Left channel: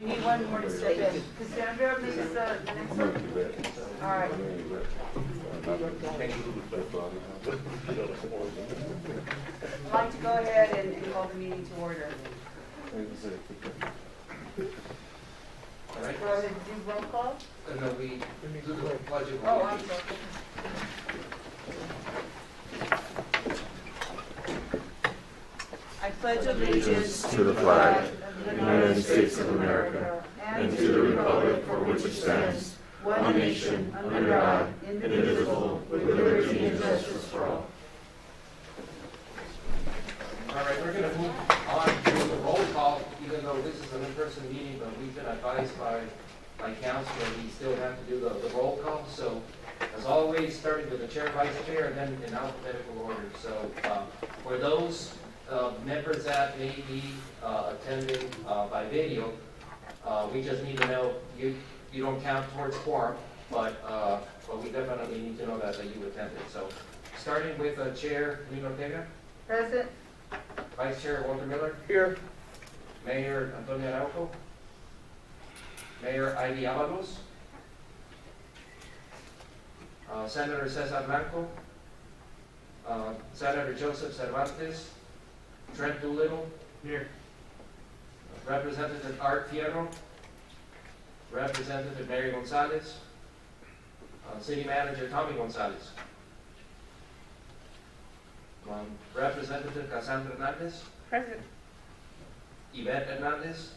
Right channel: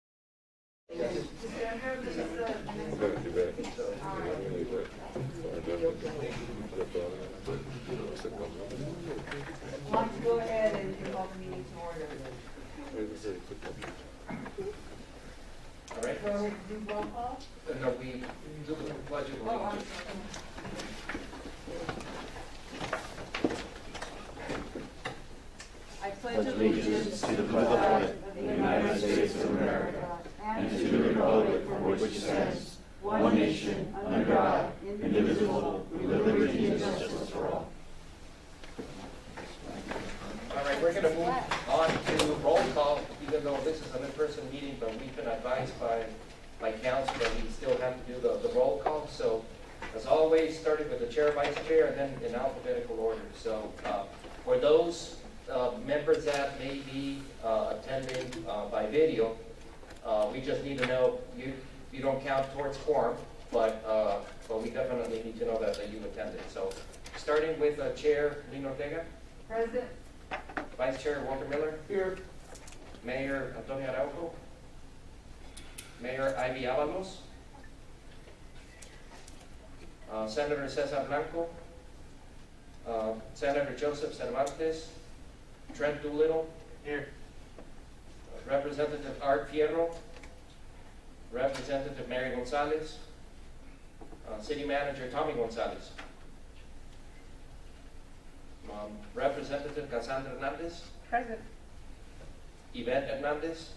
Need one more to step in. Cassandra, this is the next one. All right. I'd like to go ahead and call the meeting to order. All right. Go ahead and do roll call. No, we do the pledge of Oh, I'm allegiance. sorry. I pledge Allegiance to the flag of the United States of America and to the republic for which it stands, one nation, under God, indivisible, with liberty and justice for all. All right, we're going to move on to roll call, even though this is an in-person meeting, but we've been advised by council that we still have to do the roll call. So, as always, starting with the chair, vice chair, and then in alphabetical order. So, for those members that may be attending by video, we just need to know you don't count towards quorum, but we definitely need to know that you attended. So, starting with Chair Lino Ortega, Present. Vice Chair Walter Miller, here. Mayor Antonio Araujo, Mayor Ivy Avalos, Senator Cesar Blanco, Senator Joseph Cervantes, Trent Doolittle, here. Representative Art Fierro, Representative Mary Gonzalez, City Manager Tommy Gonzalez, Representative Cassandra Hernandez, Present. Yvette Hernandez,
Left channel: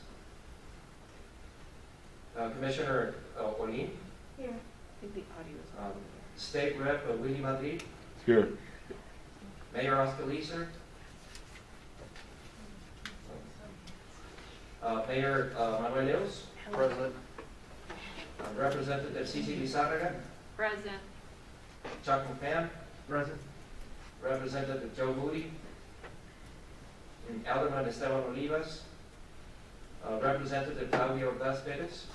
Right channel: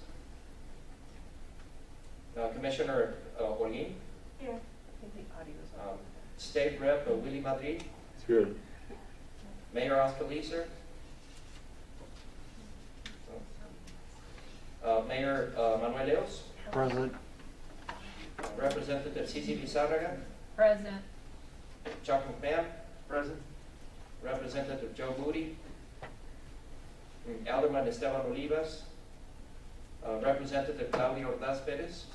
Commissioner Holguin, Here. I think the audio is State Rep Willie Madrid, Here. Mayor Oscar Leeser, Mayor Manuel Leos, Present. Representative Cici Lizarraga, Present. Chuck McMahon, Present. Representative Joe Moody, Alderman Esteban Olivas, Representative Claudio Ordaz Perez,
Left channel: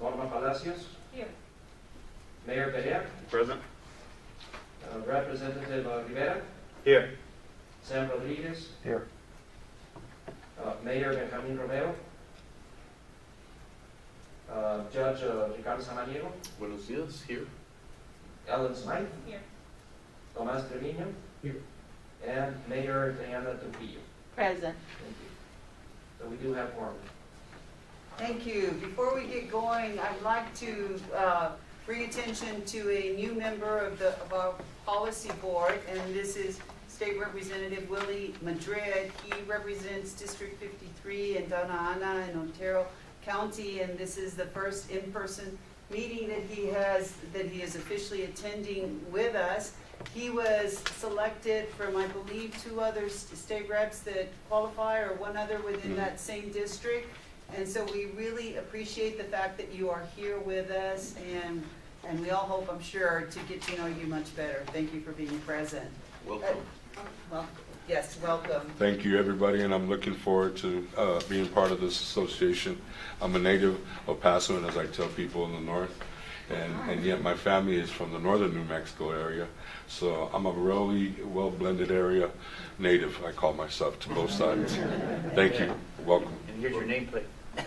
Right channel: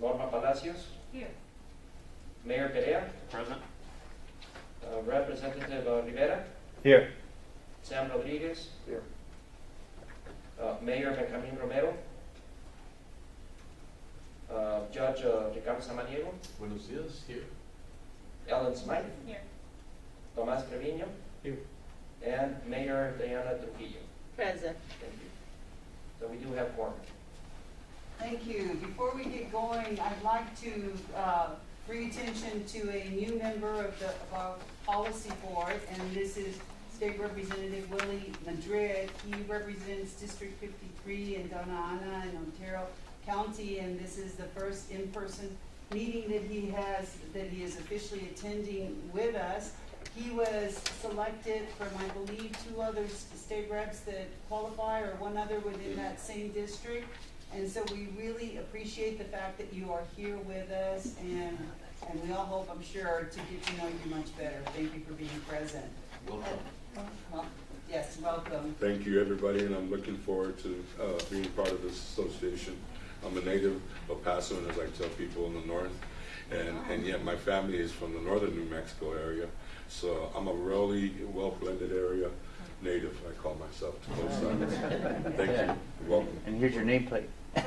Norma Palacios, Here. Mayor Perea, Present. Representative Rivera, Here. Sam Rodriguez, Here. Mayor Benjamin Romero, Judge Ricardo Samaniego, Buenos dias. Here. Ellen Smythe, Here. Tomas Trevino, Here. and Mayor Diana Trujillo. Present. Thank you. So we do have quorum. Thank you. Before we get going, I'd like to bring attention to a new member of our policy board, and this is State Representative Willie Madrid. He represents District 53 in Donna Ana in Ontario County, and this is the first in-person meeting that he is officially attending with us. He was selected from, I believe, 2 other state reps that qualify, or 1 other within that same district. And so we really appreciate the fact that you are here with us, and we all hope, I'm sure, to get to know you much better. Thank you for being present. Welcome. Well, yes, welcome. Thank you, everybody, and I'm looking forward to being part of this association. I'm a native of Paso, and as I tell people in the north, and yet my family is from the northern New Mexico area, so I'm a really well-blended area native, I call myself, to both sides. Thank you. Welcome. And here's your nameplate. There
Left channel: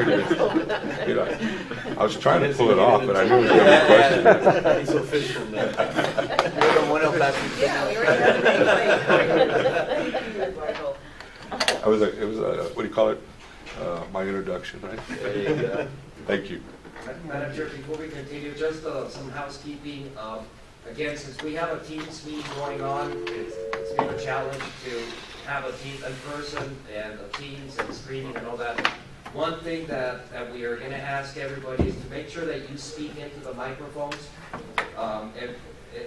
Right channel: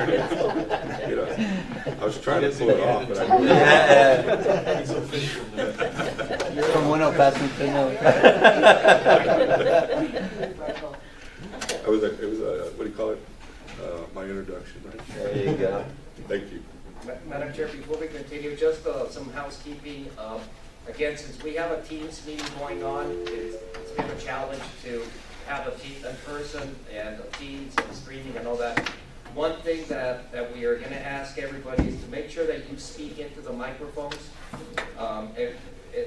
it is. You know, I was trying to pull it off, but I knew it was a question. He's official now. You're from one of us. Yeah, we were It was a, what do you call it? My introduction, right? There you go. Thank you. Madam Chair, before we continue, just some housekeeping. Again, since we have a Teams meeting going on, it's been a challenge to have a team in person and a Teams and streaming and all that. One thing that we are going to ask everybody is to make sure that you speak into the microphones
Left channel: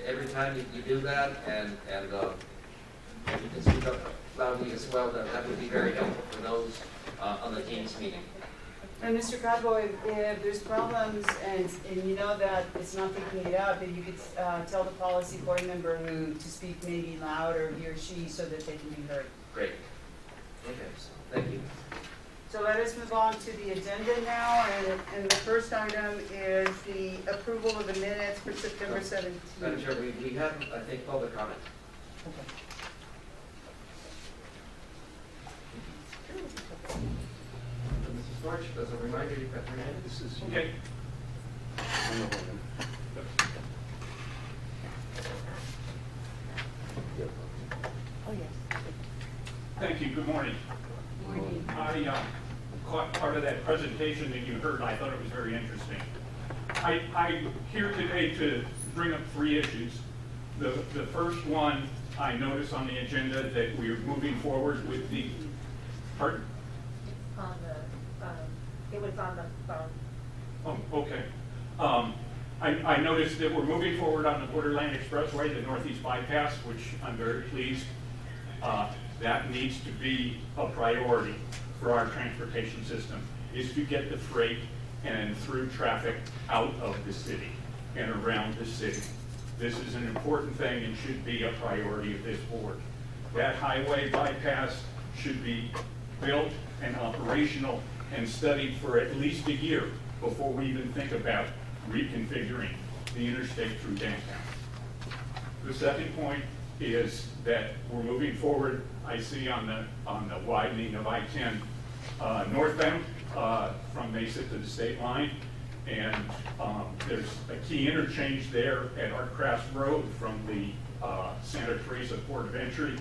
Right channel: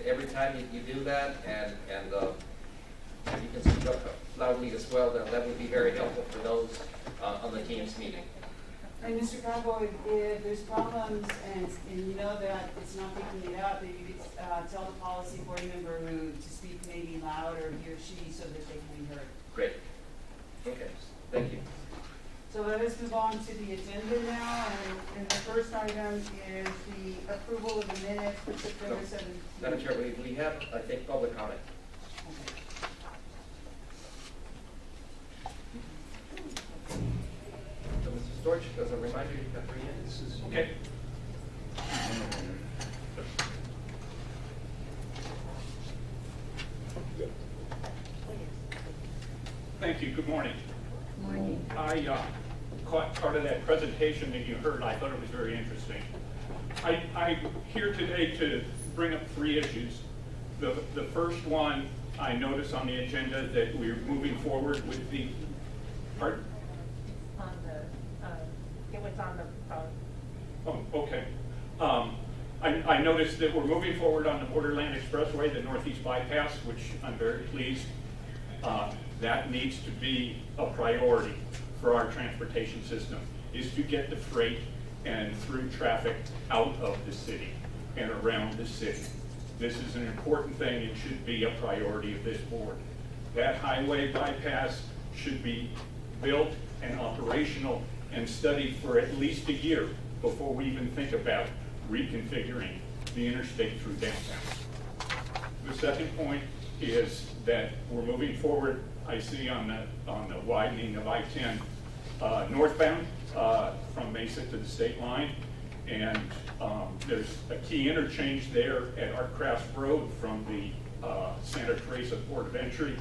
every time you do that, and you can speak up loudly as well. That would be very helpful for those on the Teams meeting. And Mr. Carbo, if there's problems and you know that it's not picking it up, then you could tell the policy board member to speak maybe louder, he or she, so that they can be heard. Great. Okay, thank you. So let us move on to the agenda now, and the first item is the approval of the minutes for September 17th. Madam Chair, we have, I think, public comment. Okay. Thank you. Good morning. I caught part of that presentation that you heard. I thought it was very interesting. I'm here today to bring up 3 issues. The first one, I noticed on the agenda that we're moving forward with the, pardon? It was on the phone. Oh, okay. I noticed that we're moving forward on the Borderland Expressway, the Northeast Bypass, which I'm very pleased. That needs to be a priority for our transportation system, is to get the freight and through traffic out of the city and around the city. This is an important thing. It should be a priority of this board. That highway bypass should be built and operational and studied for at least a year before we even think about reconfiguring the interstate through downtown. The second point is that we're moving forward. I see on the widening of I-10 northbound from Mesa to the state line, and there's a key interchange there at Artcrafts Road from the Santa Teresa Port of Entry.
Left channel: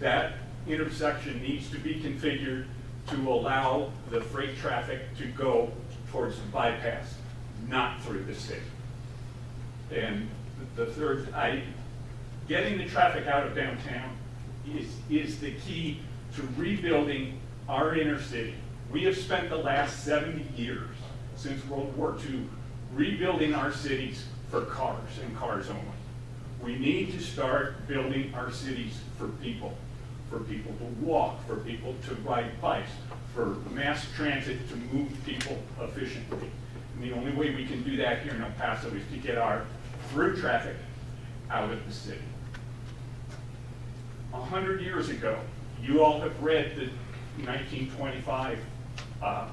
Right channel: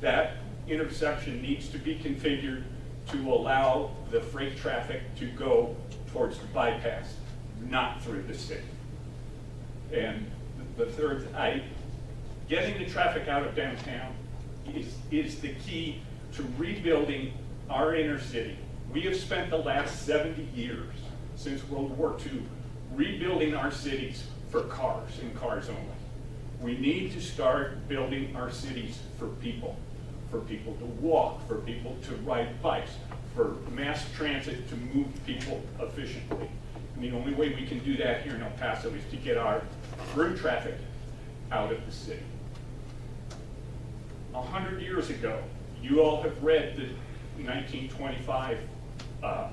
That intersection needs to be configured to allow the freight traffic to go towards the bypass, not through the city. And the third, getting the traffic out of downtown is the key to rebuilding our inner city. We have spent the last 70 years since World War II rebuilding our cities for cars and cars only. We need to start building our cities for people to walk, for people to ride bikes, for mass transit to move people efficiently. And the only way we can do that here in El Paso is to get our through traffic out of the city. 100 years ago, you all have read the 1925 El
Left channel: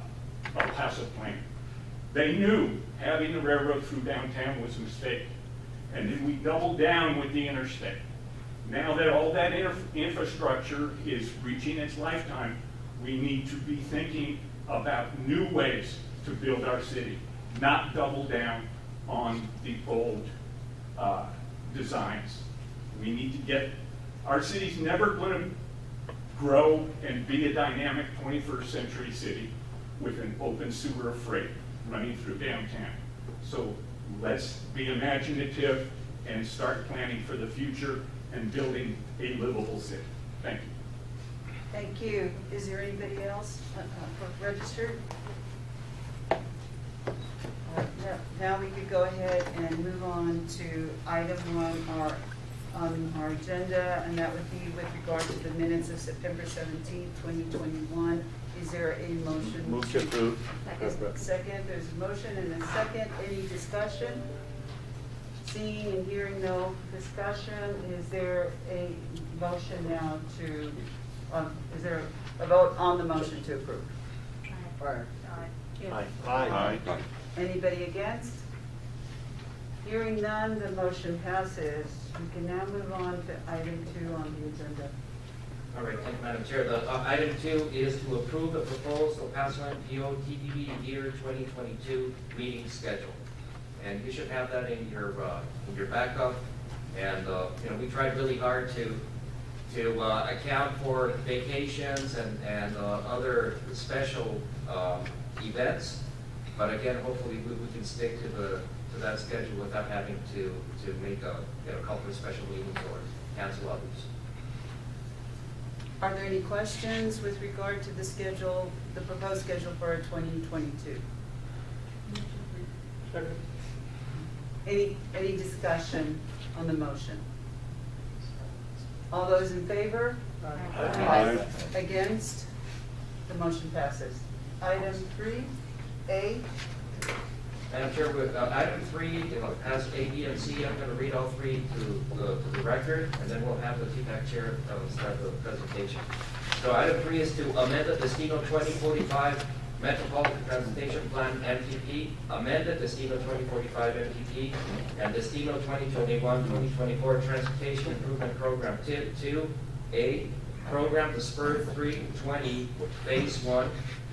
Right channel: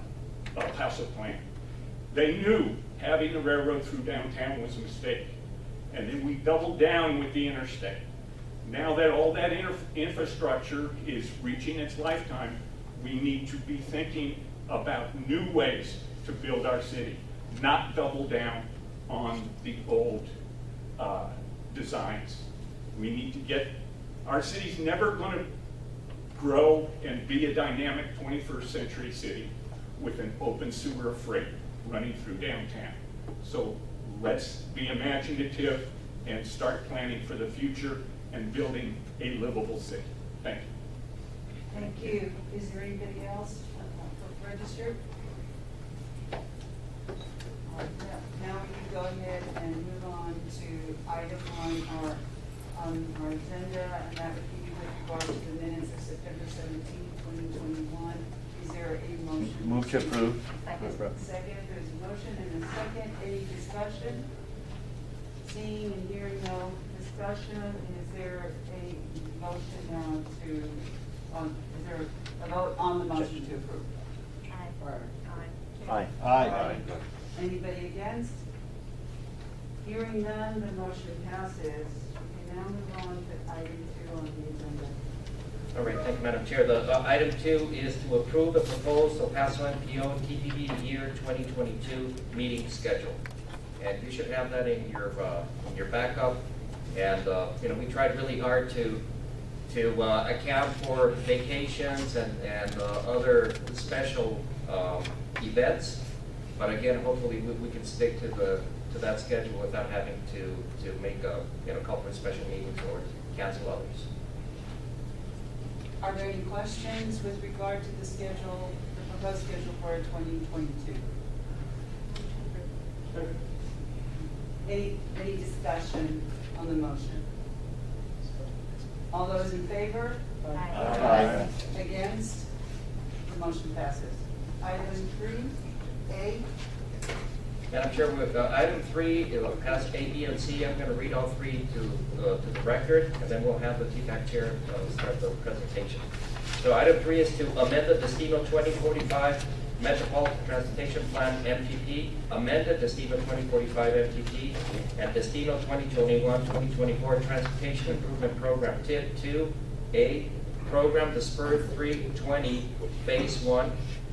Paso plan. They knew having the railroad through downtown was a mistake. And then we doubled down with the interstate. Now that all that infrastructure is reaching its lifetime, we need to be thinking about new ways to build our city, not double down on the old designs. We need to get, our city's never going to grow and be a dynamic 21st century city with an open sewer of freight running through downtown. So let's be imaginative and start planning for the future and building a livable city. Thank you. Thank you. Is there anybody else registered? Now we could go ahead and move on to item 1 on our agenda, and that would be with regard to the minutes of September 17th, 2021. Is there a motion? Move to approve. Second, there's a motion and a second. Any discussion? Seeing and hearing no discussion, is there a motion now to, is there a vote on the motion to approve? Aye. Aye. Anybody against? Hearing none, the motion passes. We can now move on to item 2 on the agenda. All right, thank you, Madam Chair. The item 2 is to approve the proposed El Paso EPMPO TPB year 2022 meeting schedule. And you should have that in your backup. And we tried really hard to account for vacations and other special events. But again, hopefully we can stick to that schedule without having to make a couple of special meetings or cancel others. Are there any questions with regard to the schedule, the proposed schedule for 2022? Any discussion on the motion? All those in favor? Aye. Against? The motion passes. Item 3A. Madam Chair, with item 3, it'll pass A, B, and C. I'm going to read all 3 to the record, and then we'll have the TPAC chair start the presentation. So item 3 is to amend the Destino 2045 Metropolitan Transportation Plan MTP, amend the Destino 2045 MTP, and Destino 2021-2024 Transportation Improvement Program. Tip 2A, program the Spur 320 Phase 1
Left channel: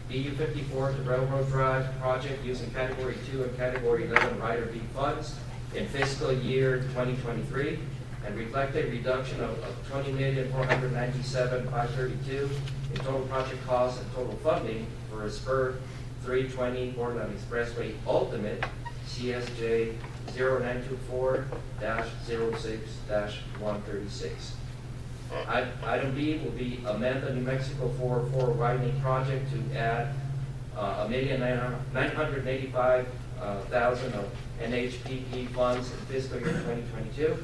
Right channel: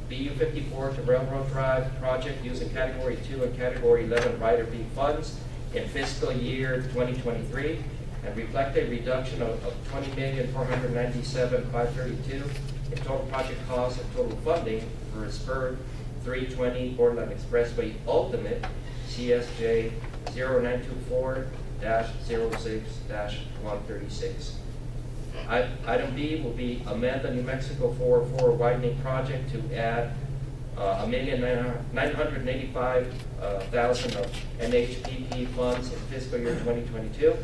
BU 54 to Railroad Drive project using Category 2 and Category 11 Rider B funds in fiscal year 2023, and reflect a reduction of $20,497,532 in total project costs and total funding for a spur 320 Borderland Expressway Ultimate CSJ 0924-06-136. Item B will be amend the New Mexico 404 widening project to add $1,985,000 of NHPP funds in fiscal year 2022.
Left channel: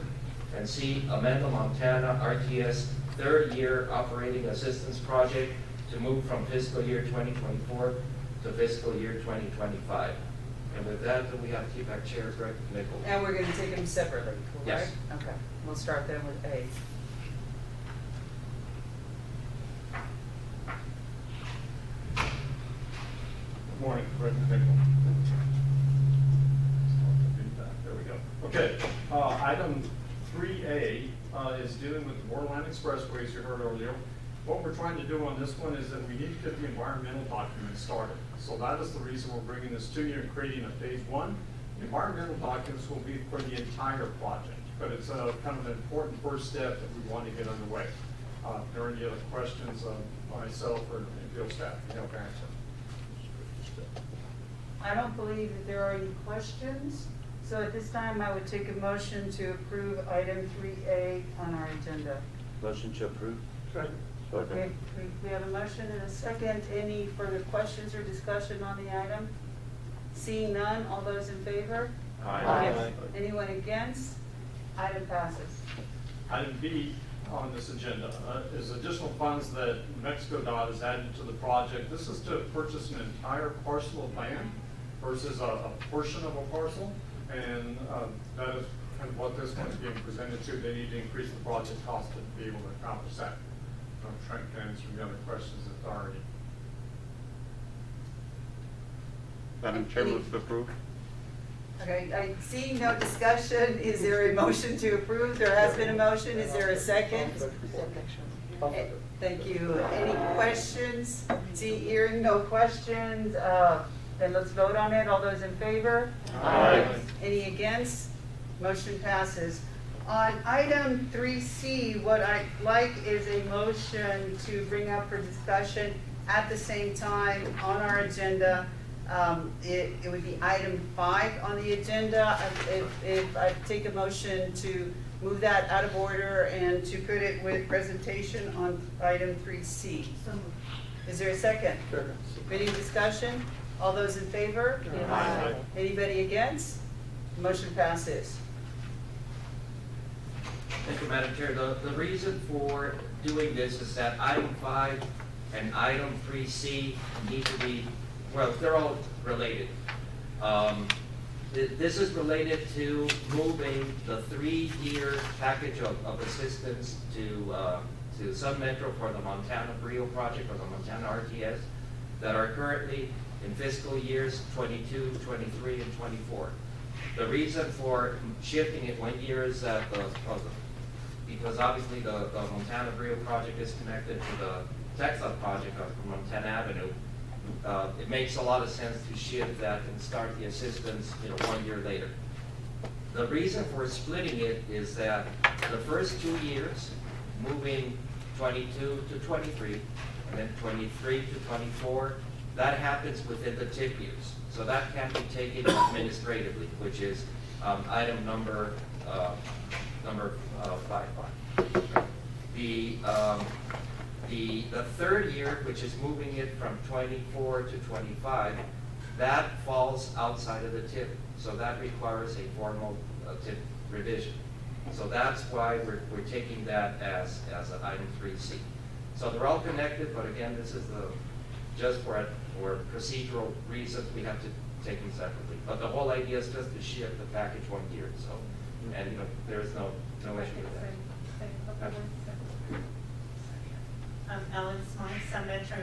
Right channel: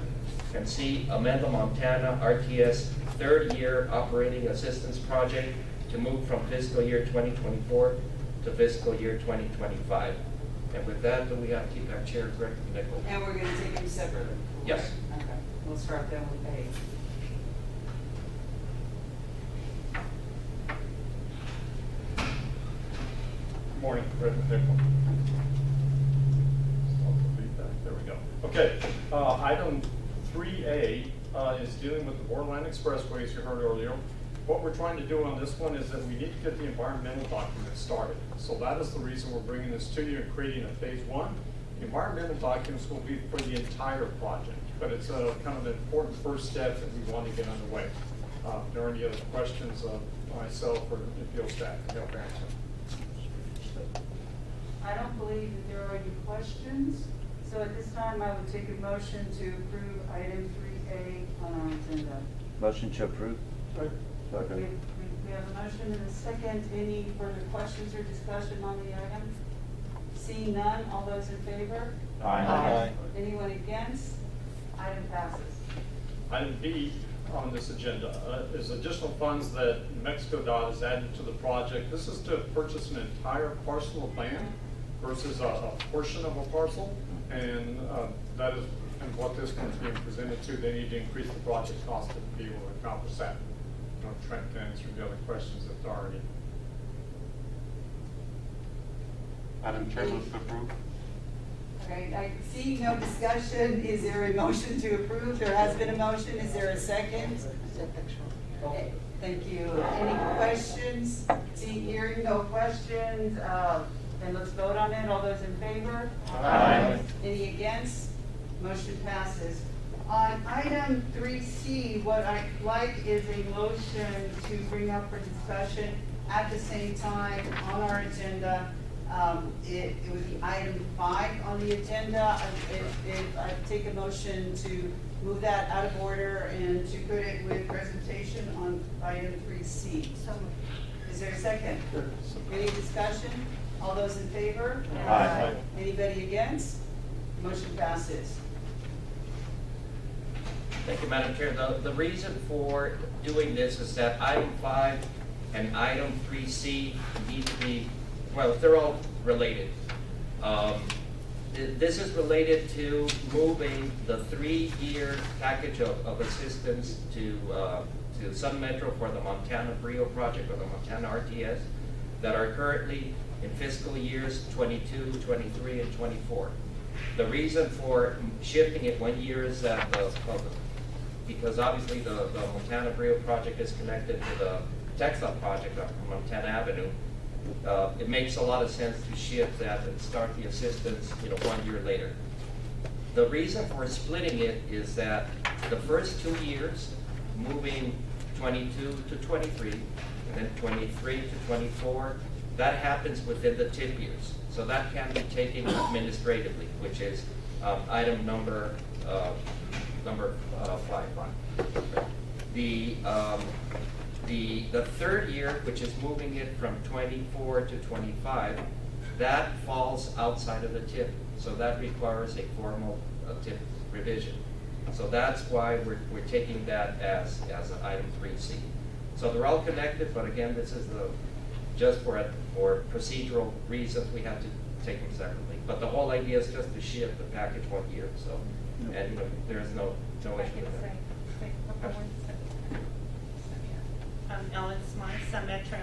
And C, amend the Montana RTS third year operating assistance project to move from fiscal year 2024 to fiscal year 2025. And with that, we have TPAC Chair Greg Nichols. And we're gonna take them separately, Yes. correct? Okay, we'll start then with A. Good morning, President Nichols. There we go. Okay, item 3A is dealing with the Borderland Expressway, as you heard earlier. What we're trying to do on this one is that we need to get the environmental documents started. So that is the reason we're bringing this to you and creating a phase 1. The environmental documents will be for the entire project, but it's kind of an important first step that we want to get underway. If there are any other questions of myself or EPO staff, help answer. I don't believe that there are any questions, so at this time, I would take a motion to approve item 3A on our agenda. Motion to approve. Okay, we have a motion and a second. Any further questions or discussion on the item? Seeing none, all those in favor? Aye. Anyone against? Item passes. Item B on this agenda is additional funds that New Mexico DOT has added to the project. This is to purchase an entire parcel of land versus a portion of a parcel. And that is kind of what this one's being presented to. They need to increase the project cost to be able to accomplish that. Trent can answer the other questions if there are any. Madam Chair, move to approve. Okay, I see no discussion. Is there a motion to approve? There has been a motion. Is there a second? Okay, thank you. Any questions? Hearing no questions, then let's vote on it. All those in favor? Aye. Any against? Motion passes. On item 3C, what I'd like is a motion to bring up for discussion at the same time on our agenda. It would be item 5 on the agenda. If I take a motion to move that out of order and to put it with presentation on item 3C. Is there a second? Any discussion? All those in favor? Aye. Anybody against? Motion passes. Thank you, Madam Chair. The reason for doing this is that item 5 and item 3C need to be, well, they're all related. This is related to moving the 3-year package of assistance to Sun Metro for the Montana Brio project or the Montana RTS that are currently in fiscal years 22, 23, and 24. The reason for shifting it 1 year is that because obviously the Montana Brio project is connected to the textile project on Montana Avenue. It makes a lot of sense to shift that and start the assistance 1 year later. The reason for splitting it is that the first 2 years, moving 22 to 23, and then 23 to 24, that happens within the TIP years. So that can be taken administratively, which is item number 5. The third year, which is moving it from 24 to 25, that falls outside of the TIP. So that requires a formal TIP revision. So that's why we're taking that as an item 3C. So they're all connected, but again, this is just for procedural reasons, we have to take them separately. But the whole idea is just to shift the package 1 year. So, and there is no issue with that. Ellen Smythe, Sun Metro.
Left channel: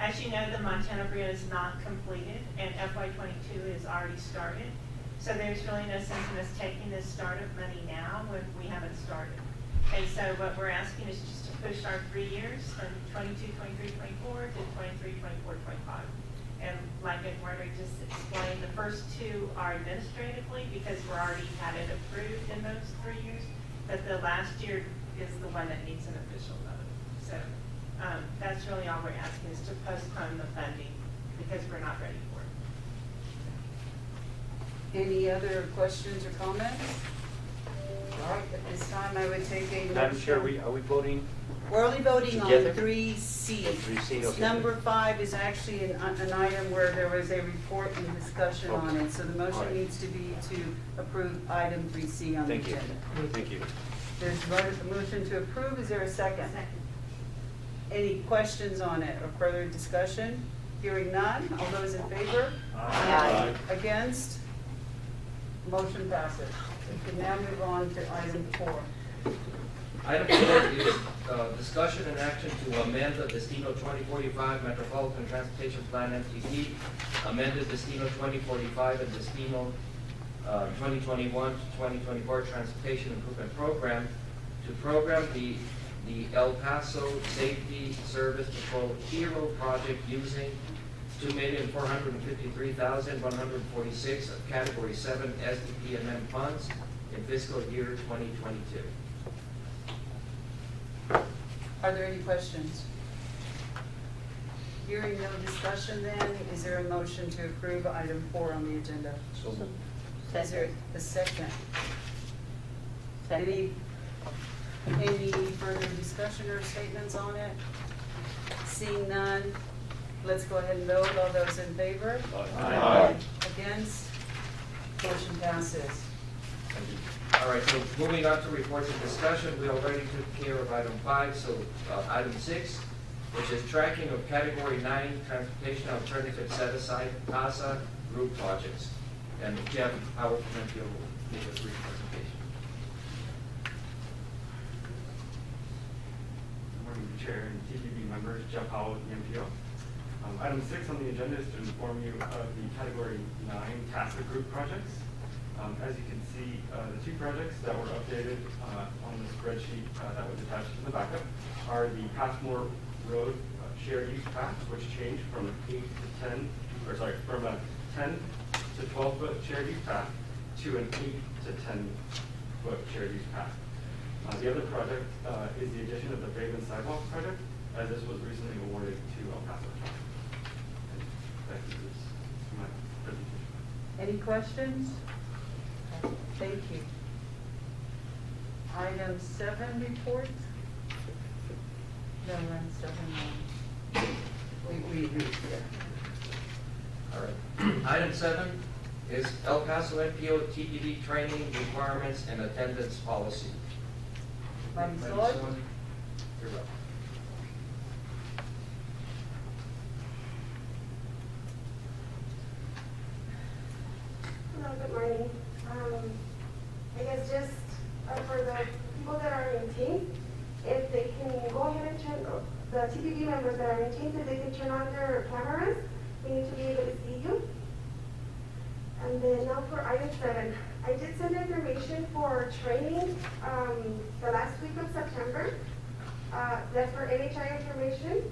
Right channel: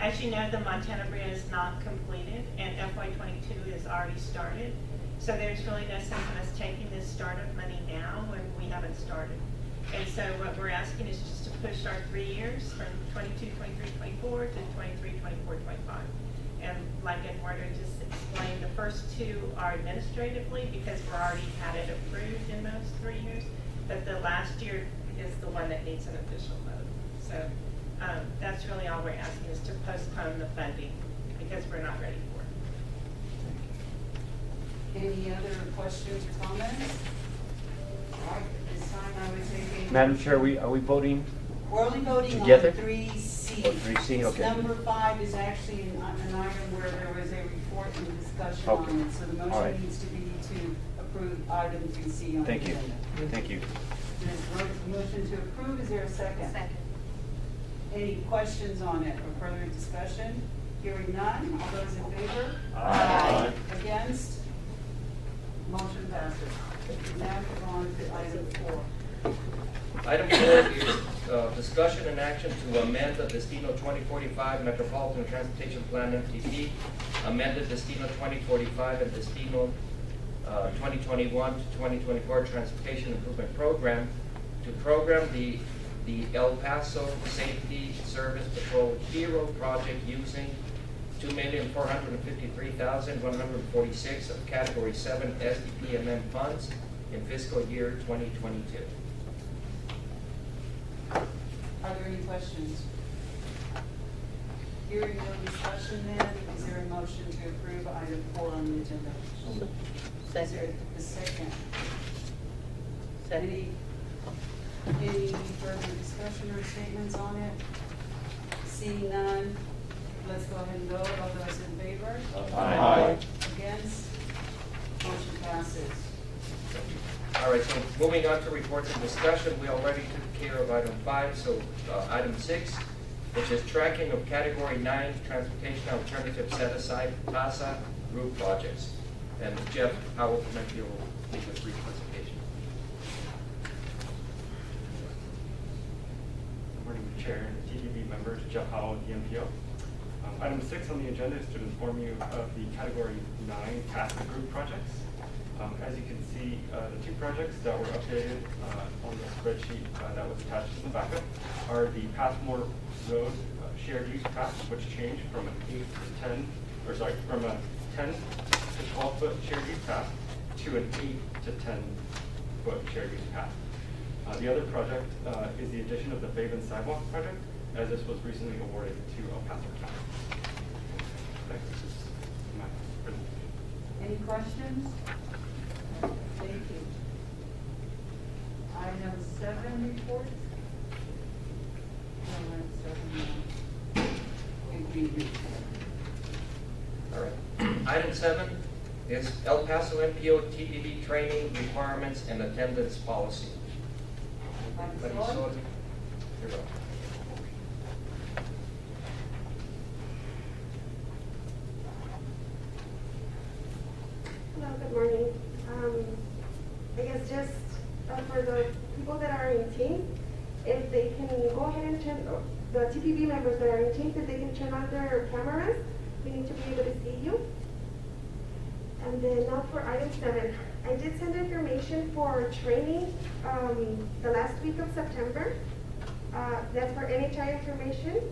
As you know, the Montana Brio is not completed, and FY22 is already started. So there's really no sense in us taking this startup money now when we haven't started. And so what we're asking is just to push our 3 years from 22, 23, 24 to 23, 24, 25. in those 3 years, but the last year is the one that needs an official vote. So that's really all we're asking, is to postpone the funding because we're not ready for it. Any other questions or comments? All right, at this time, I would take a. Madam Chair, are we voting? We're only voting on Together? 3C. 3C, okay. Number 5 is actually an item where there was a report and discussion on Okay. it. So the All motion right. needs to be to approve item 3C on the Thank you. agenda. Thank you. There's a motion to approve. Is there a second? Second. Any questions on it or further discussion? Hearing none. All those in favor? Aye. Against? Motion passes. We can now move on to item 4. Item 4 is discussion and action to amend the Destino 2045 Metropolitan Transportation Plan MTP, amended Destino 2045 and Destino 2021 to 2024 Transportation Improvement Program to program the El Paso Safety Service Patrol Hero Project using $2,453,146 of Category 7 SDPMM funds in fiscal year 2022. Are there any questions? Hearing no discussion then, is there a motion to approve item 4 on the agenda? Is there a second? Any further discussion or statements on it? Seeing none, let's go ahead and vote. All those in favor? Aye. Against? Motion passes. All right, so moving on to reports and discussion, we already took care of item 5, so item 6, which is tracking of Category 9 Transportation Alternative Set Aside CASA Group Projects. And Jeff, I would like you to make a brief presentation. Good morning, Chair and TPB members, Jeff Howell, EPMPO. Item 6 on the agenda is to inform you of the Category 9 CASA Group projects. As you can see, the 2 projects that were updated on the spreadsheet that was attached in the backup are the Passmore Road shared use path, which changed from a 10 to 12-foot shared use path to an 8 to 10-foot shared use path. The other project is the addition of the Faven Sidewalk project, as this was recently awarded to El Paso County. That concludes my presentation. Any questions? Thank you. Item 7 reports. No, item 7. We agreed. All right. Item 7 is El Paso EPMPO TPB training requirements and attendance policy. Vice Vice Lord? Lord? You're welcome. Hello, good morning. I guess just for the people that are in team, if they can go ahead and turn, the TPB members that are in teams, if they can turn on their cameras, we need to be able to see you. And then now for item 7, I did send information for training the last week of September. That's for NHI information.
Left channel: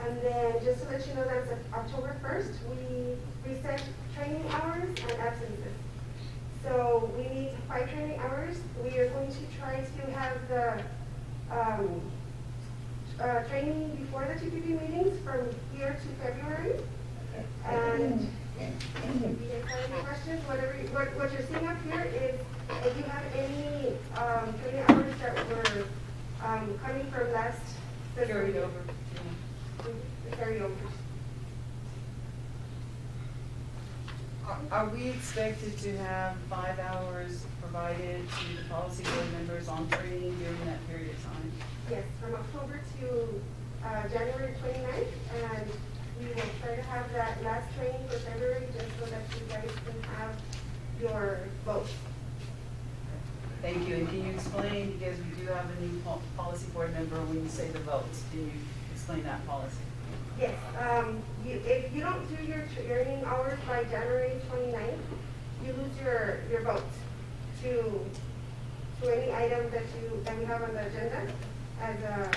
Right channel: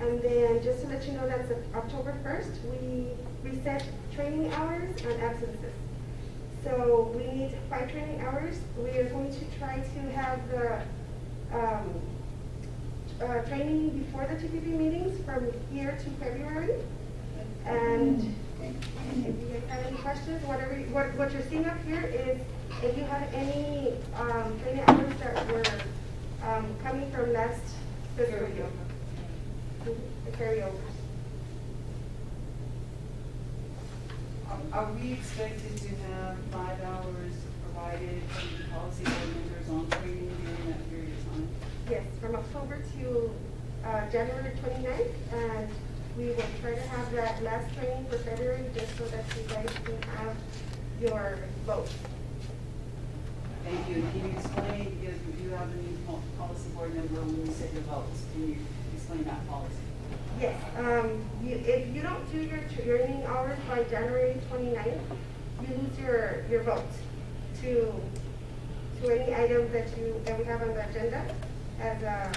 And then just to let you know, that's October 1st, we reset training hours and absences. So we need 5 training hours. We are going to try to have the training before the TPP meetings from here to February. And if you guys have any questions, what you're seeing up here is if you have any training hours that were coming from last fiscal Carried year. over. The carryovers. Are we expected to have 5 hours provided to the policy board members on training during that period of time? Yes, from October to January 29th, and we will try to have that last training for February just so that you guys can have your vote. Thank you. And can you explain, because we do have a new policy board member, when you say the votes, can you explain that policy? Yes, if you don't do your training hours by January 29th, you lose your vote to any item that we have on the agenda as a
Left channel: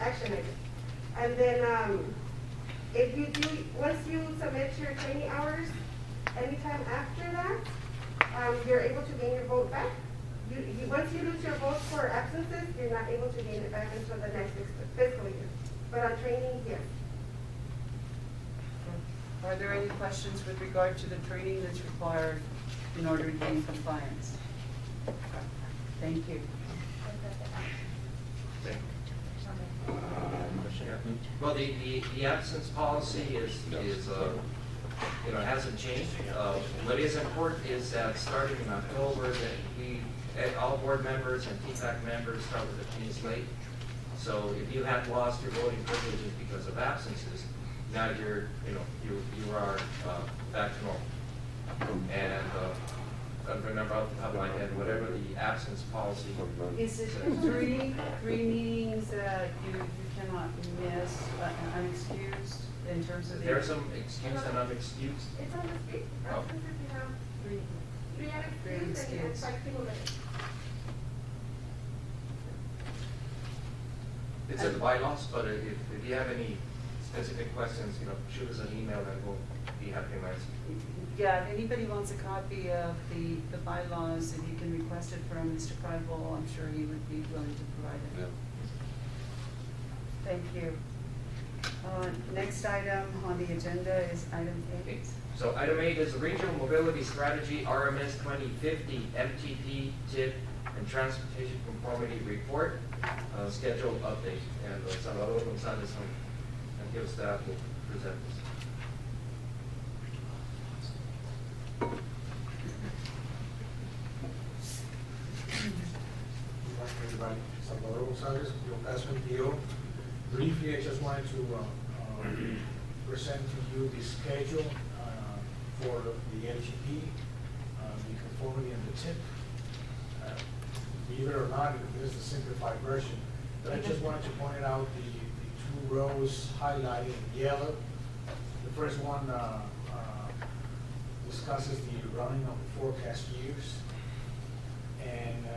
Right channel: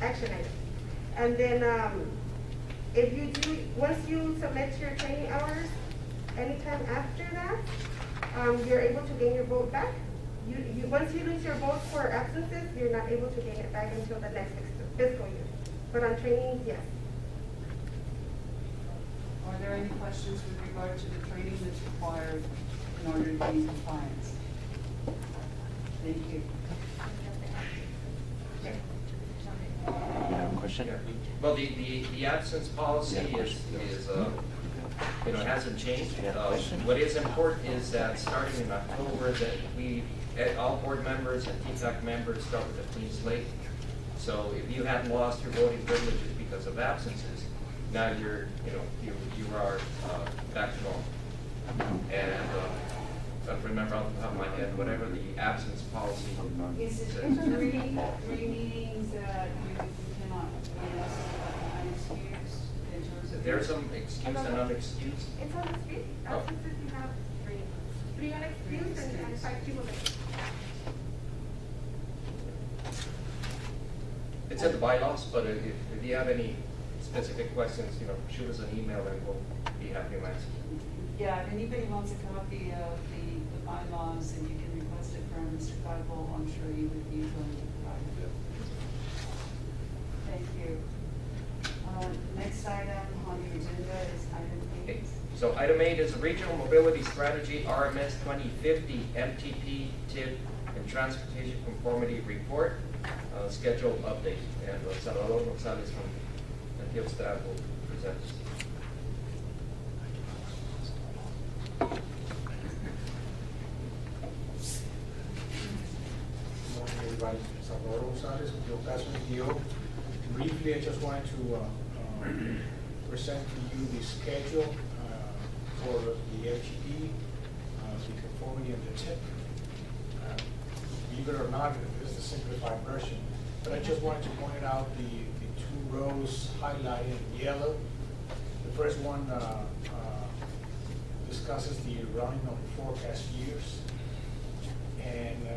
action item. And then if you do, once you submit your training hours, anytime after that, you're able to gain your vote back. Once you lose your vote for absences, you're not able to gain it back until the next fiscal year. But on trainings, yes. Are there any questions with regard to the training that's required in order to gain compliance? Thank you. You have a question? Well, the absence policy is hasn't changed. What is important is that starting in October, that all board members and TPAC members start with a clean slate. So if you had lost your voting privileges because of absences, now you are back to normal. And I don't remember off the top of my head, whatever the absence policy. Is it three meetings that you cannot miss, but unexcused in terms of? There are some excused and unexcused. It's on the street. Oh. Absences, we have Three. three unexcused and 5 people there. It's in the bylaws, but if you have any specific questions, shoot us an email and we'll be happy to answer. Yeah, if anybody wants a copy of the bylaws, and you can request it from Mr. Prideville, I'm sure he would be willing to provide it. Thank you. Next item on the agenda is item 8. So item 8 is the Regional Mobility Strategy RMS 2050 MTP TIP and Transportation Conformity Report schedule update. And Salvador Gonzalez from MTO staff will present this. Good morning, everybody. Salvador Gonzalez, MTO. Briefly, I just wanted to present to you the schedule for the MTP, the conformity and the TIP. Believe it or not, this is the simplified version. But I just wanted to point out the two rows highlighted in yellow. The first one discusses the running of the forecast years. And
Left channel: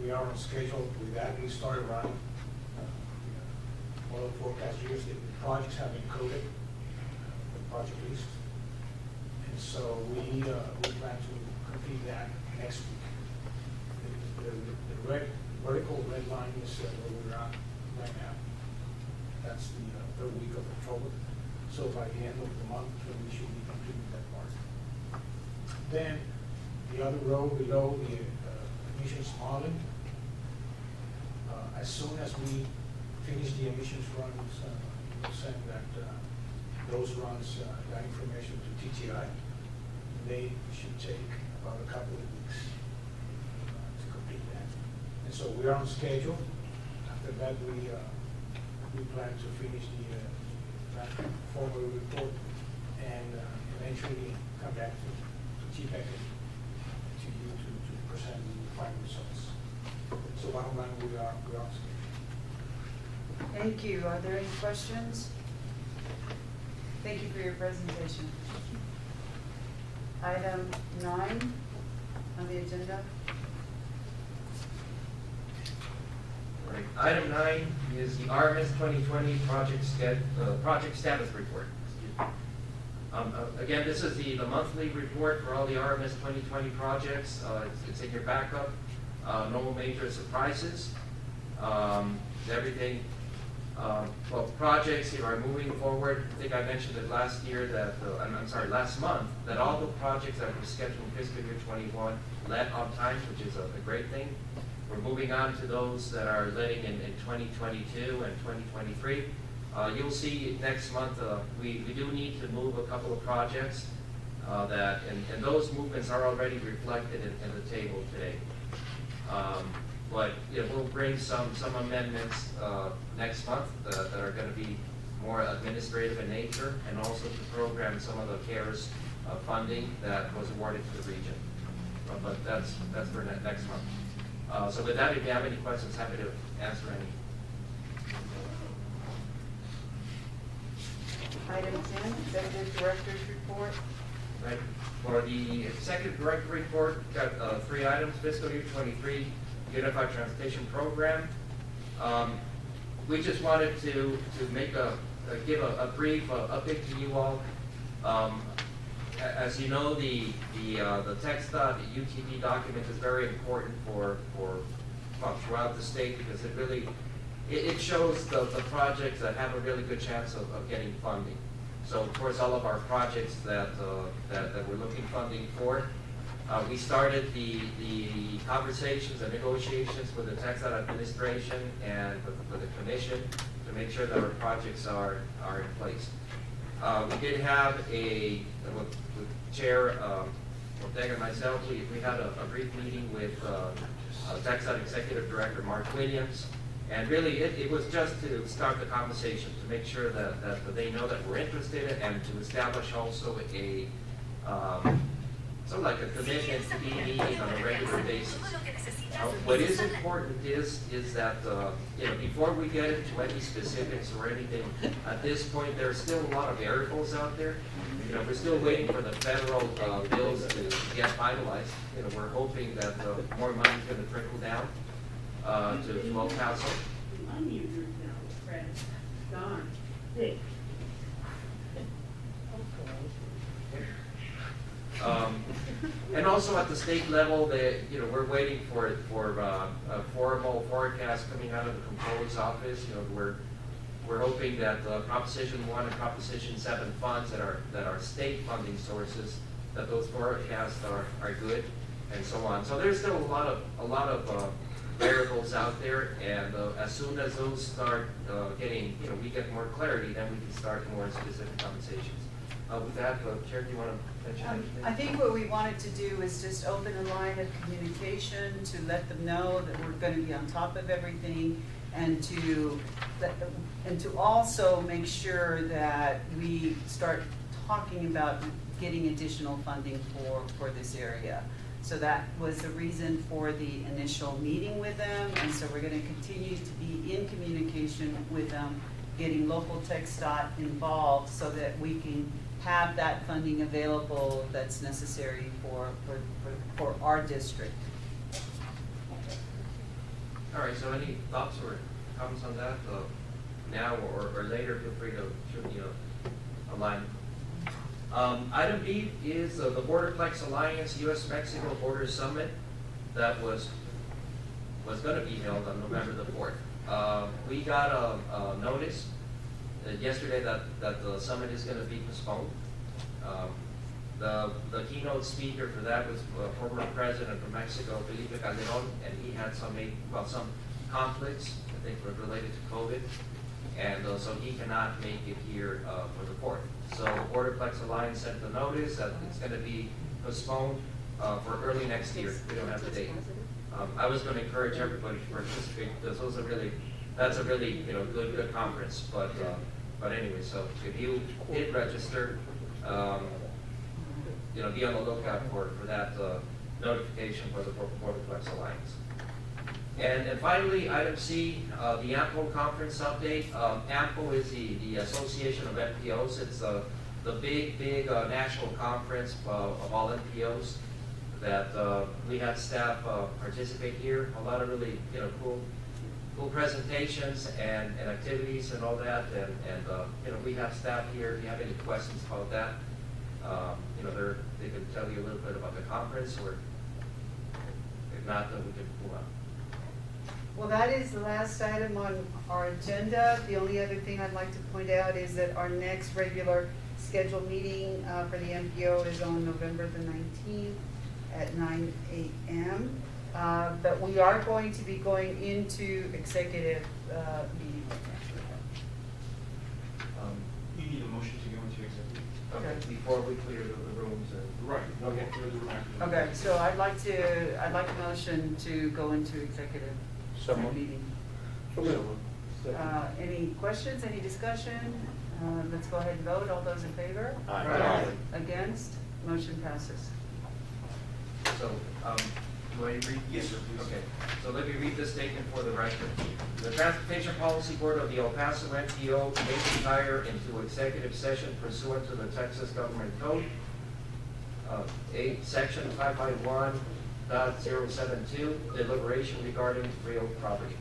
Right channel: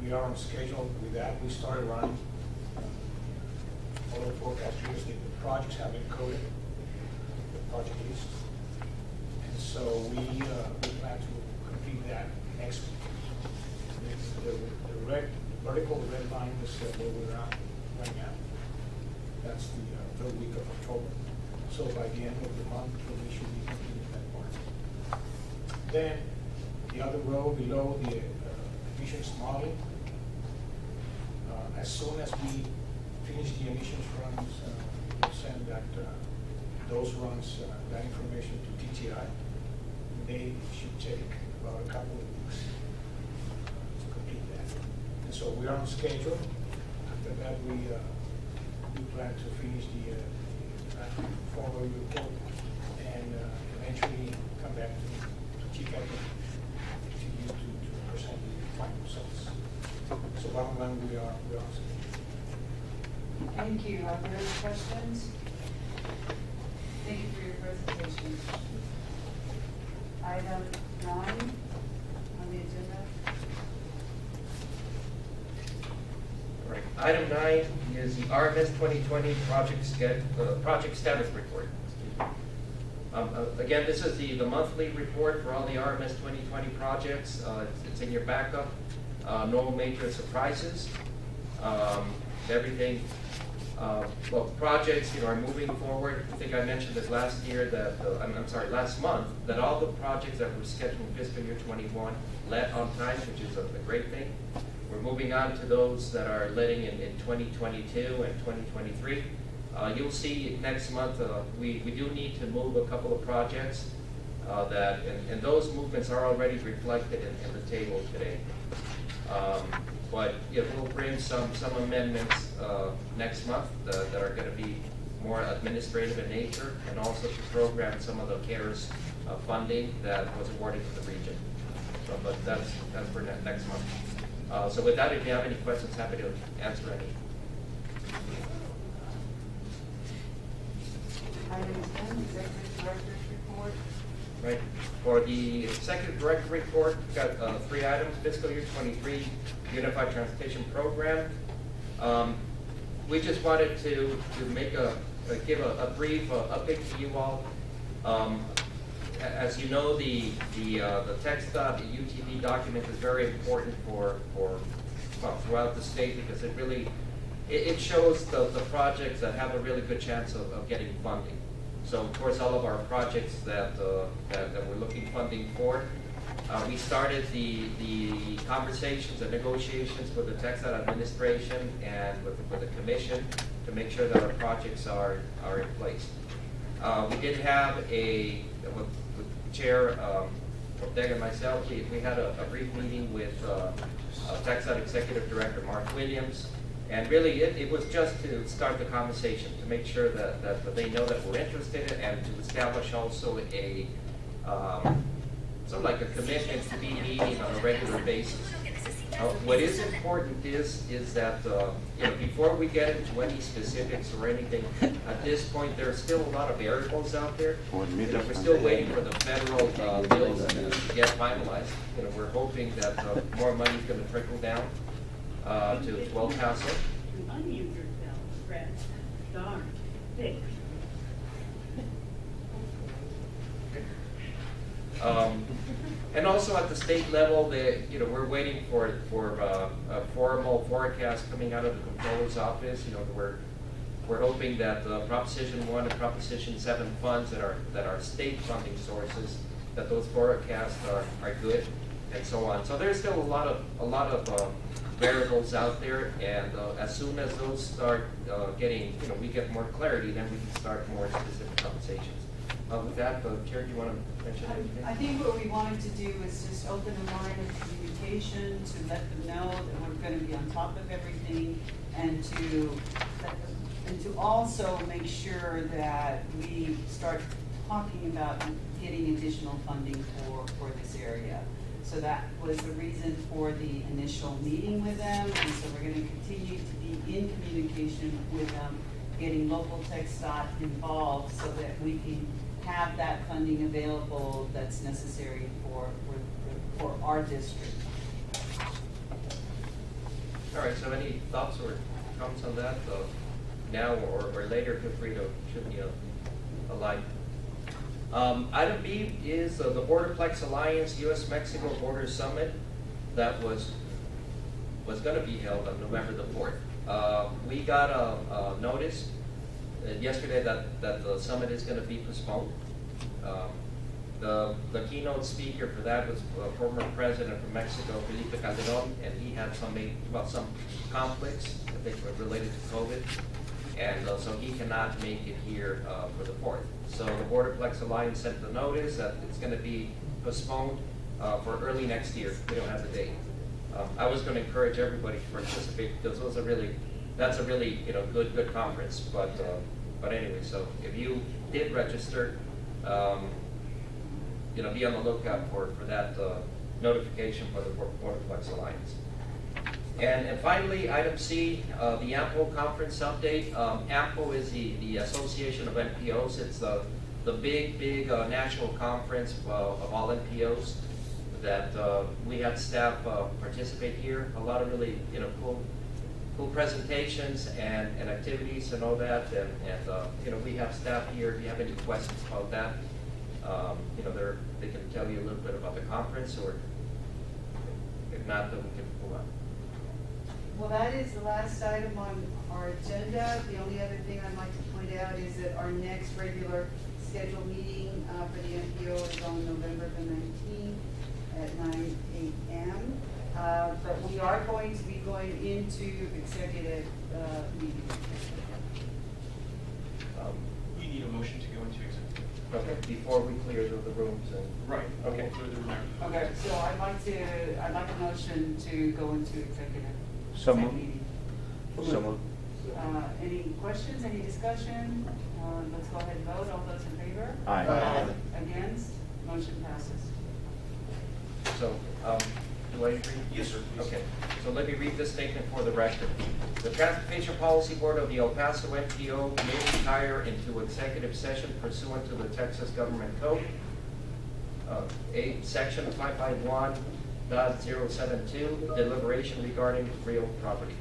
we are on schedule with that. We started running all the forecast years. The projects have been coded, the project list. And so we plan to complete that next week. The vertical red line is where we're at right now. That's the third week of October. So by the end of the month, we should be completing that part. Then the other row below, the emissions modeling. As soon as we finish the emissions runs, we'll send those runs, that information to TTI. They should take about a couple of weeks to complete that. And so we are on schedule. After that, we plan to finish that formal report and eventually come back to TPAC to you to present the final results. So bottom line, we are on schedule. Thank you. Are there any questions? Thank you for your presentation. Item 9 on the agenda. Right. Item 9 is the RMS 2020 project status report. Again, this is the monthly report for all the RMS 2020 projects. It's in your backup. No major surprises. Everything, projects are moving forward. I think I mentioned this last year that, last month, that all the projects that were scheduled fiscal year 21 let on time, which is a great thing. We're moving on to those that are letting in 2022 and 2023. You'll see next month, we do need to move a couple of projects and those movements are already reflected in the table today. But we'll bring some amendments next month that are going to be more administrative in nature, and also to program some of the CARES funding that was awarded to the region. But that's for next month. So with that, if you have any questions, happy to answer any. Item 10, Executive Director's Report. Right. For the Executive Director Report, we've got 3 items. Fiscal year 23 Unified Transportation Program. We just wanted to make give a brief update to you all. as you know, the text.utb document is very important for throughout the state because it really, it shows the projects that have a really good chance of getting funding. So of course, all of our projects that we're looking funding for, we started the conversations and negotiations with the Texas administration and with the commission to make sure that our projects are in place. We did have with Chair Ortega and myself, we had a brief meeting with Texas Executive Director Mark Williams. And really, it was just to start the conversation, to make sure that they know that we're interested, and to establish also sort of like a commitment to be meeting on a regular basis. What is important is that before we get into any specifics or anything, at this point, there's still a lot of variables out there. We're still waiting for the federal bills to get finalized. We're hoping that more money is going to trickle down to El Paso. And also at the state level, we're waiting for a formal forecast coming out of the Comptroller's office. We're hoping that Proposition 1 and Proposition 7 funds that are state funding sources, that those forecasts are good, and so on. So there's still a lot of variables out there, and as soon as those start getting, we get more clarity, then we can start more specific conversations. With that, Chair, do you want to mention anything? I think what we wanted to do is just open a line of communication to let them know that we're going to be on top of everything, and to also make sure that we start talking about getting additional funding for this area. So that was the reason for the initial meeting with them, and so we're going to continue to be in communication with them, getting local TxDOT involved so that we can have that funding available that's necessary for our district. All right, so any thoughts or comments on that? Now or later, feel free to shoot me a line. Item B is the Borderplex Alliance U.S.-Mexico Border Summit that was going to be held on November the 4th. We got a notice yesterday that the summit is going to be postponed. The keynote speaker for that was former President from Mexico, Felipe Calderon, and he had some conflicts, I think, were related to COVID, and so he cannot make it here for the 4th. So the Borderplex Alliance sent the notice that it's going to be postponed for early next year. We don't have the date. I was going to encourage everybody to participate because that's a really good conference. But anyway, so if you did register, be on the lookout for that notification for the Borderplex Alliance. And finally, item C, the EPMPO conference update. EPMPO is the Association of NPOs. It's the big national conference of all NPOs that we had staff participate here. A lot of really cool presentations and activities and all that. And we have staff here. If you have any questions about that, they can tell you a little bit about the conference, or if not, then we can move on. Well, that is the last item on our agenda. The only other thing I'd like to point out is that our next regular scheduled meeting for the NPO is on November the 19th at 9 a.m. But we are going to be going into executive meeting. You need a motion to go into executive. Okay, before we clear the rooms and. Right. Okay. Okay, so I'd like a motion to go into executive meeting. Any questions, any discussion? Let's go ahead and vote. All those in favor? Aye. Against? Motion passes. So, do I read? Yes, sir, please. Okay, so let me read this statement for the record. The Transportation Policy Board of the El Paso NPO may retire into executive session pursuant to the Texas Government Code, Section 551.072, deliberation regarding real property.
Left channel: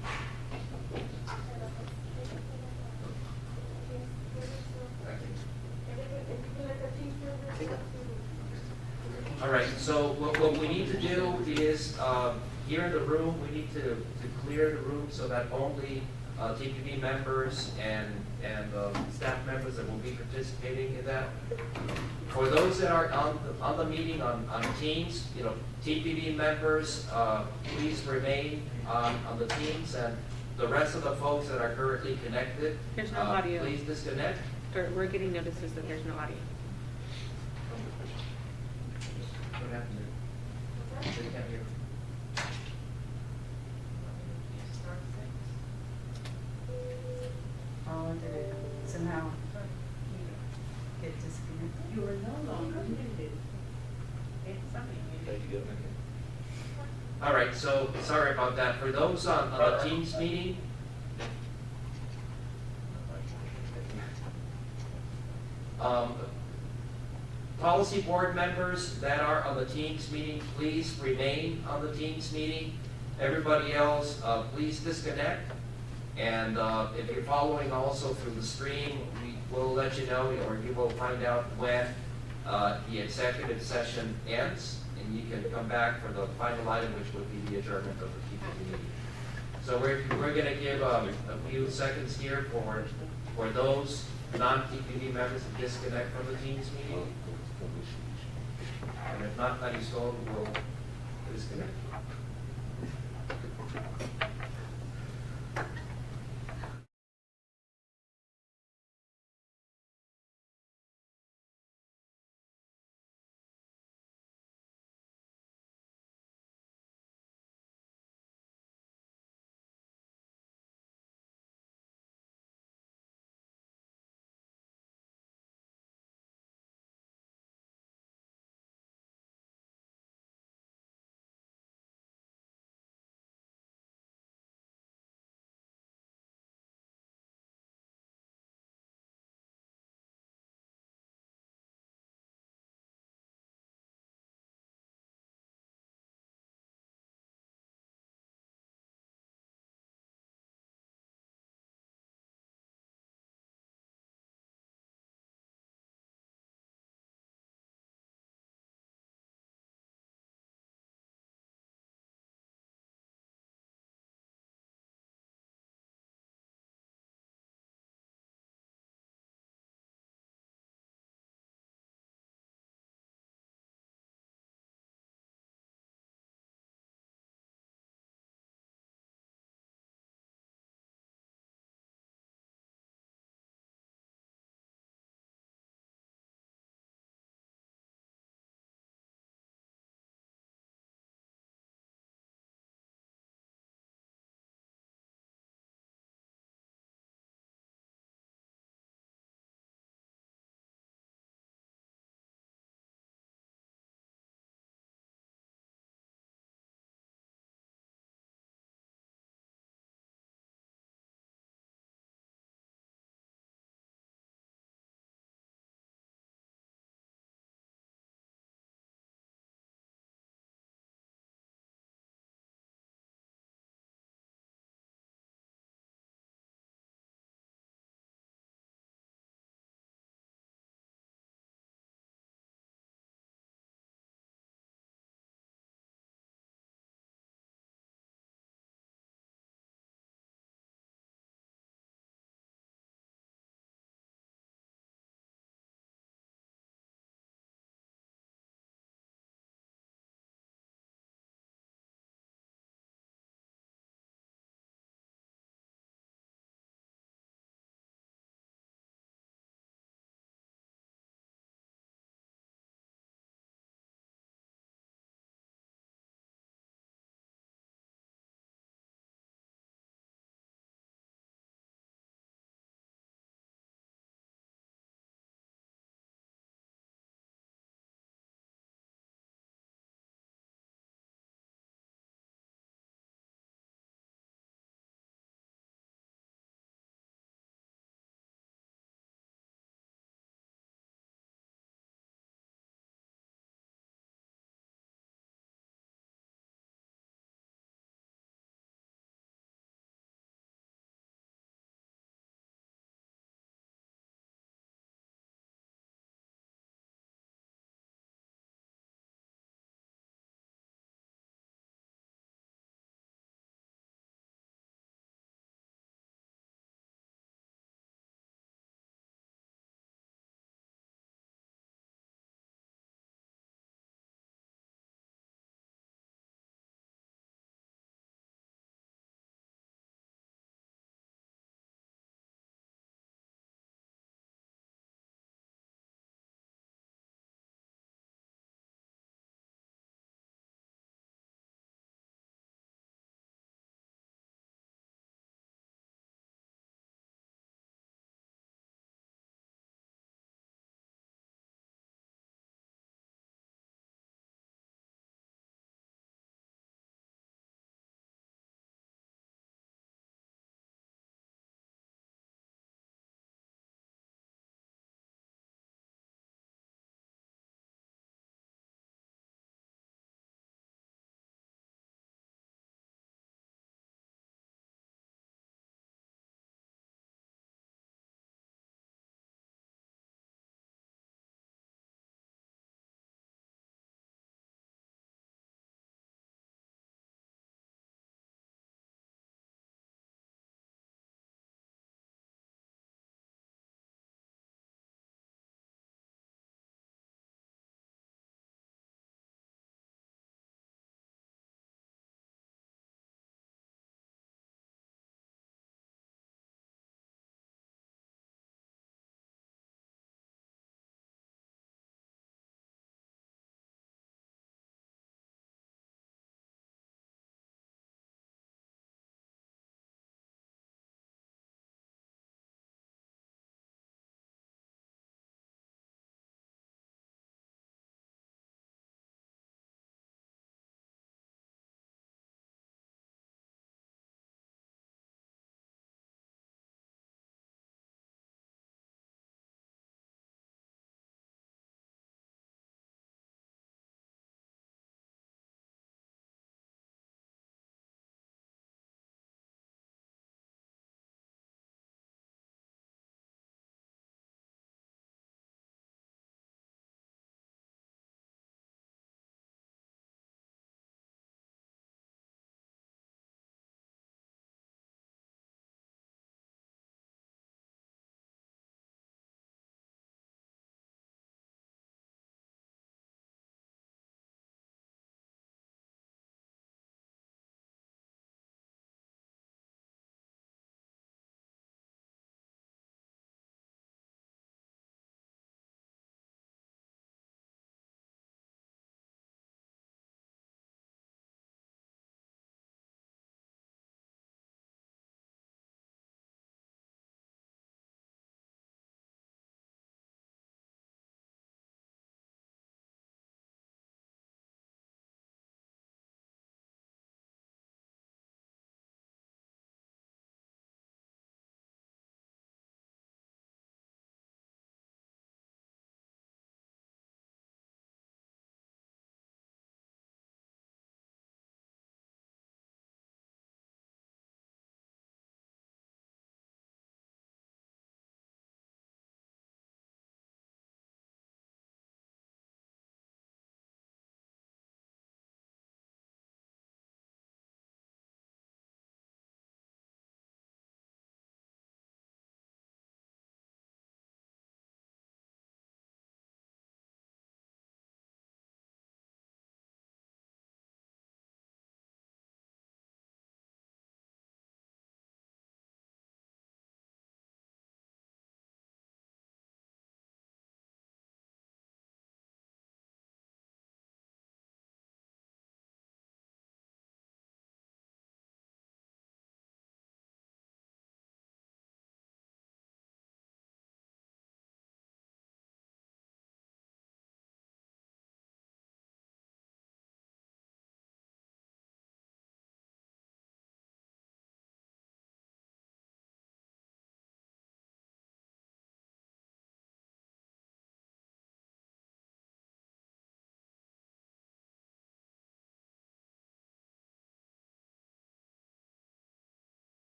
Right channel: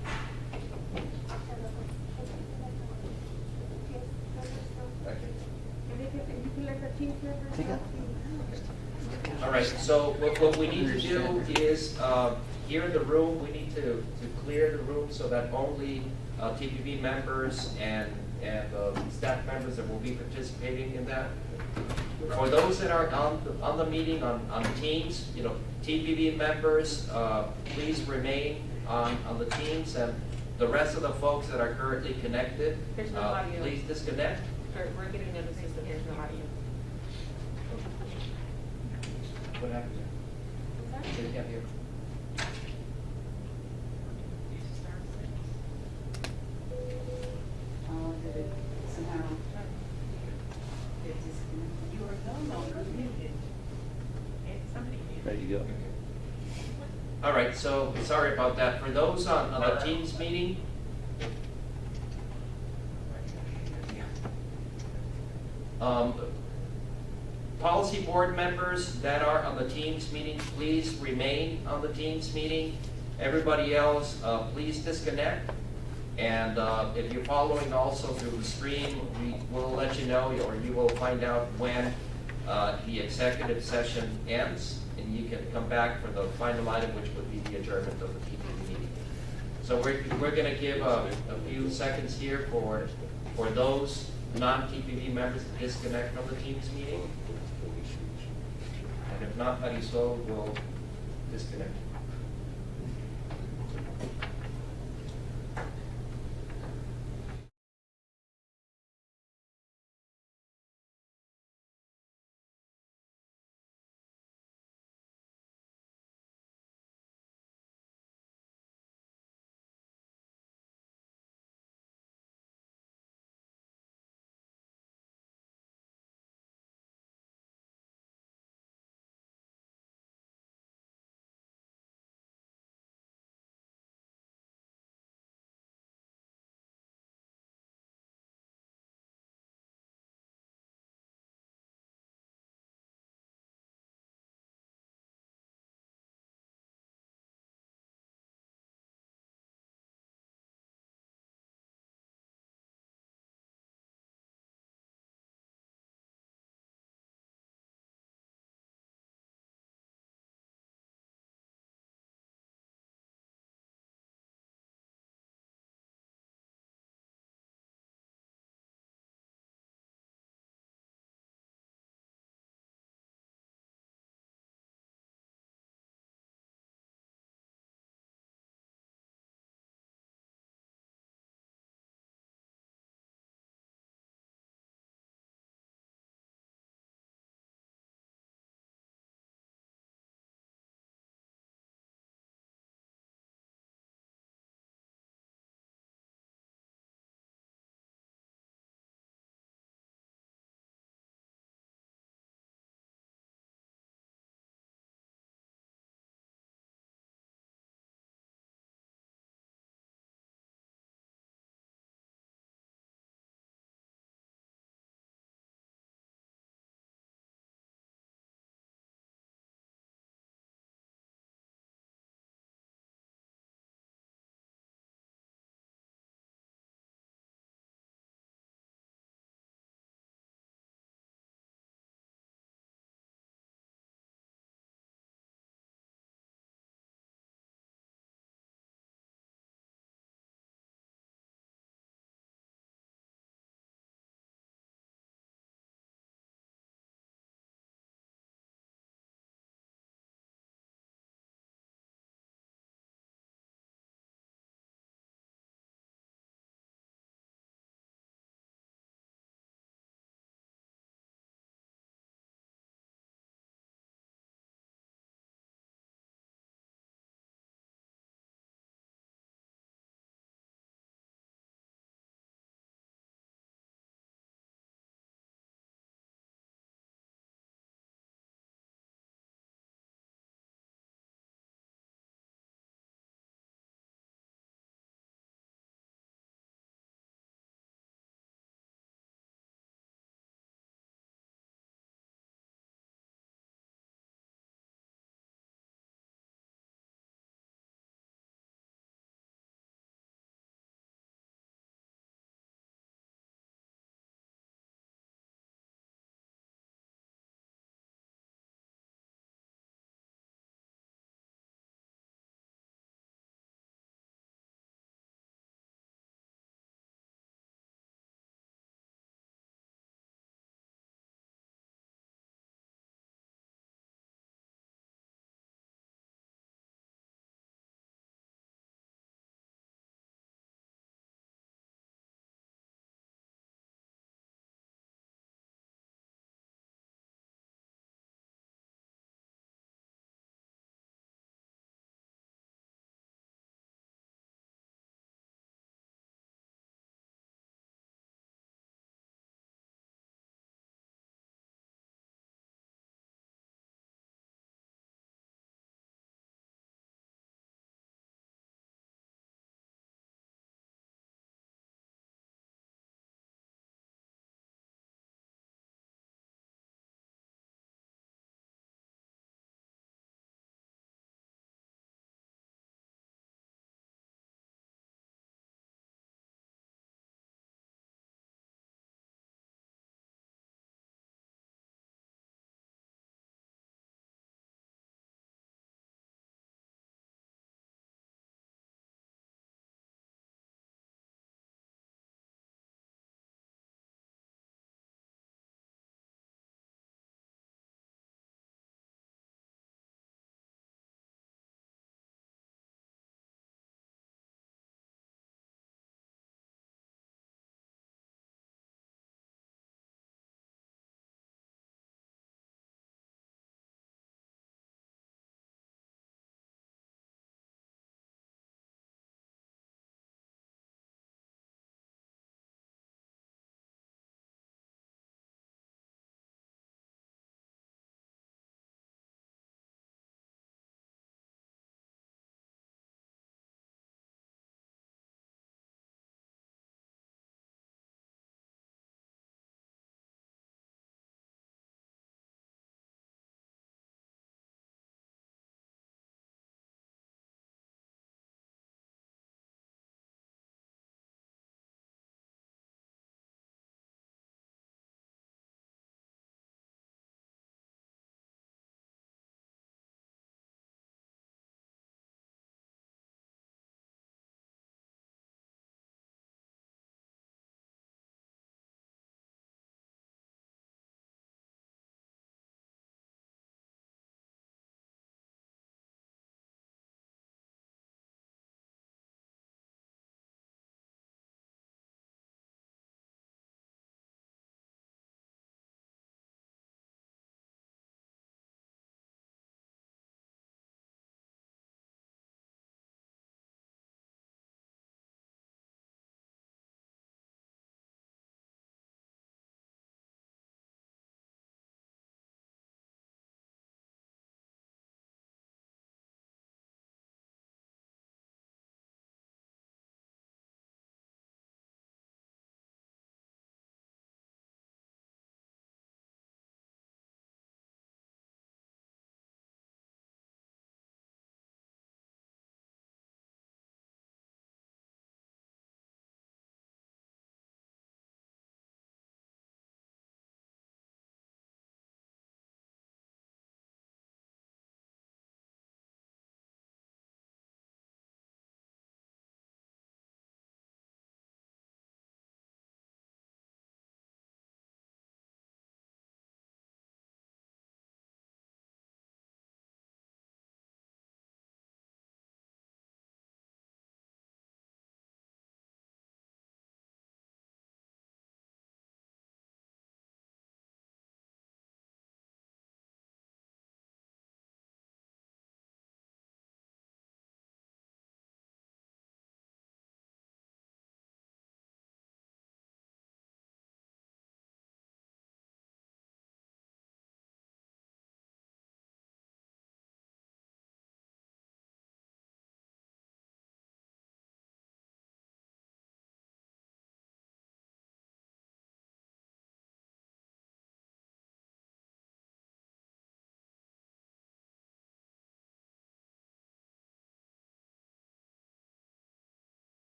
All right, so what we need to do is, here in the room, we need to clear the room so that only TPB members and staff members that will be participating in that. For those that are on the meeting on Teams, you know, TPB members, please remain on the Teams, and the rest of the folks that are currently connected, There's no audio. please disconnect. Or we're getting notices that there's no audio. What happened here? They can't hear. Oh, okay. Somehow get disconnected. You were no longer muted. It's something muted. There you go. All right, so sorry about that. For those on the Teams meeting, policy board members that are on the Teams meeting, please remain on the Teams meeting. Everybody else, please disconnect. And if you're following also through the stream, we will let you know, or you will find out when the executive session ends, and you can come back for the final item, which would be the adjournment of the TPB meeting. So we're going to give a few seconds here for those non-TPB members to disconnect from the Teams meeting. And if not, Marisol will disconnect.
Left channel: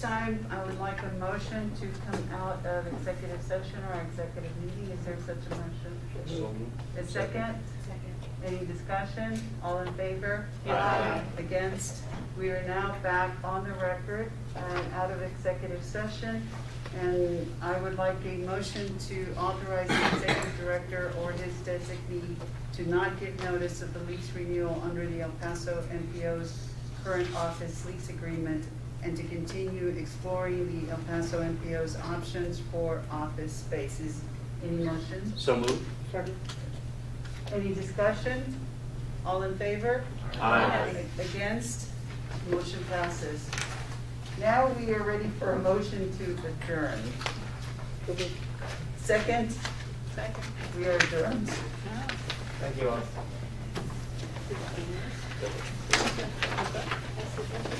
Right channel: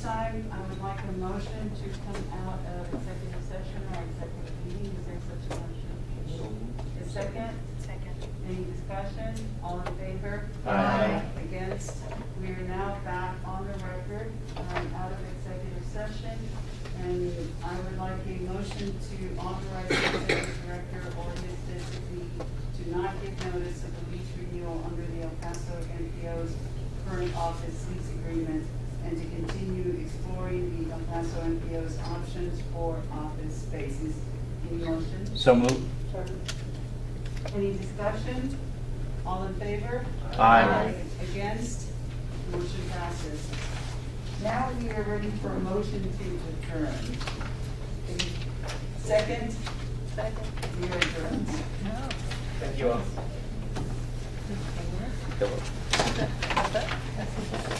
this time, I would like a motion to come out of executive session or executive meeting. Is there such a motion? A second? Second. Any discussion? All in favor? Aye. Against? We are now back on the record and out of executive session. And I would like a motion to authorize the executive director or his designee to not give notice of the lease renewal under the El Paso MPO's current office lease agreement and to continue exploring the El Paso MPO's options for office spaces. Any motion? So moved. Any discussion? All in favor? Aye. Against? Motion passes. Now we are ready for a motion to adjourn. Second? Second. We are adjourned. Thank you all. That's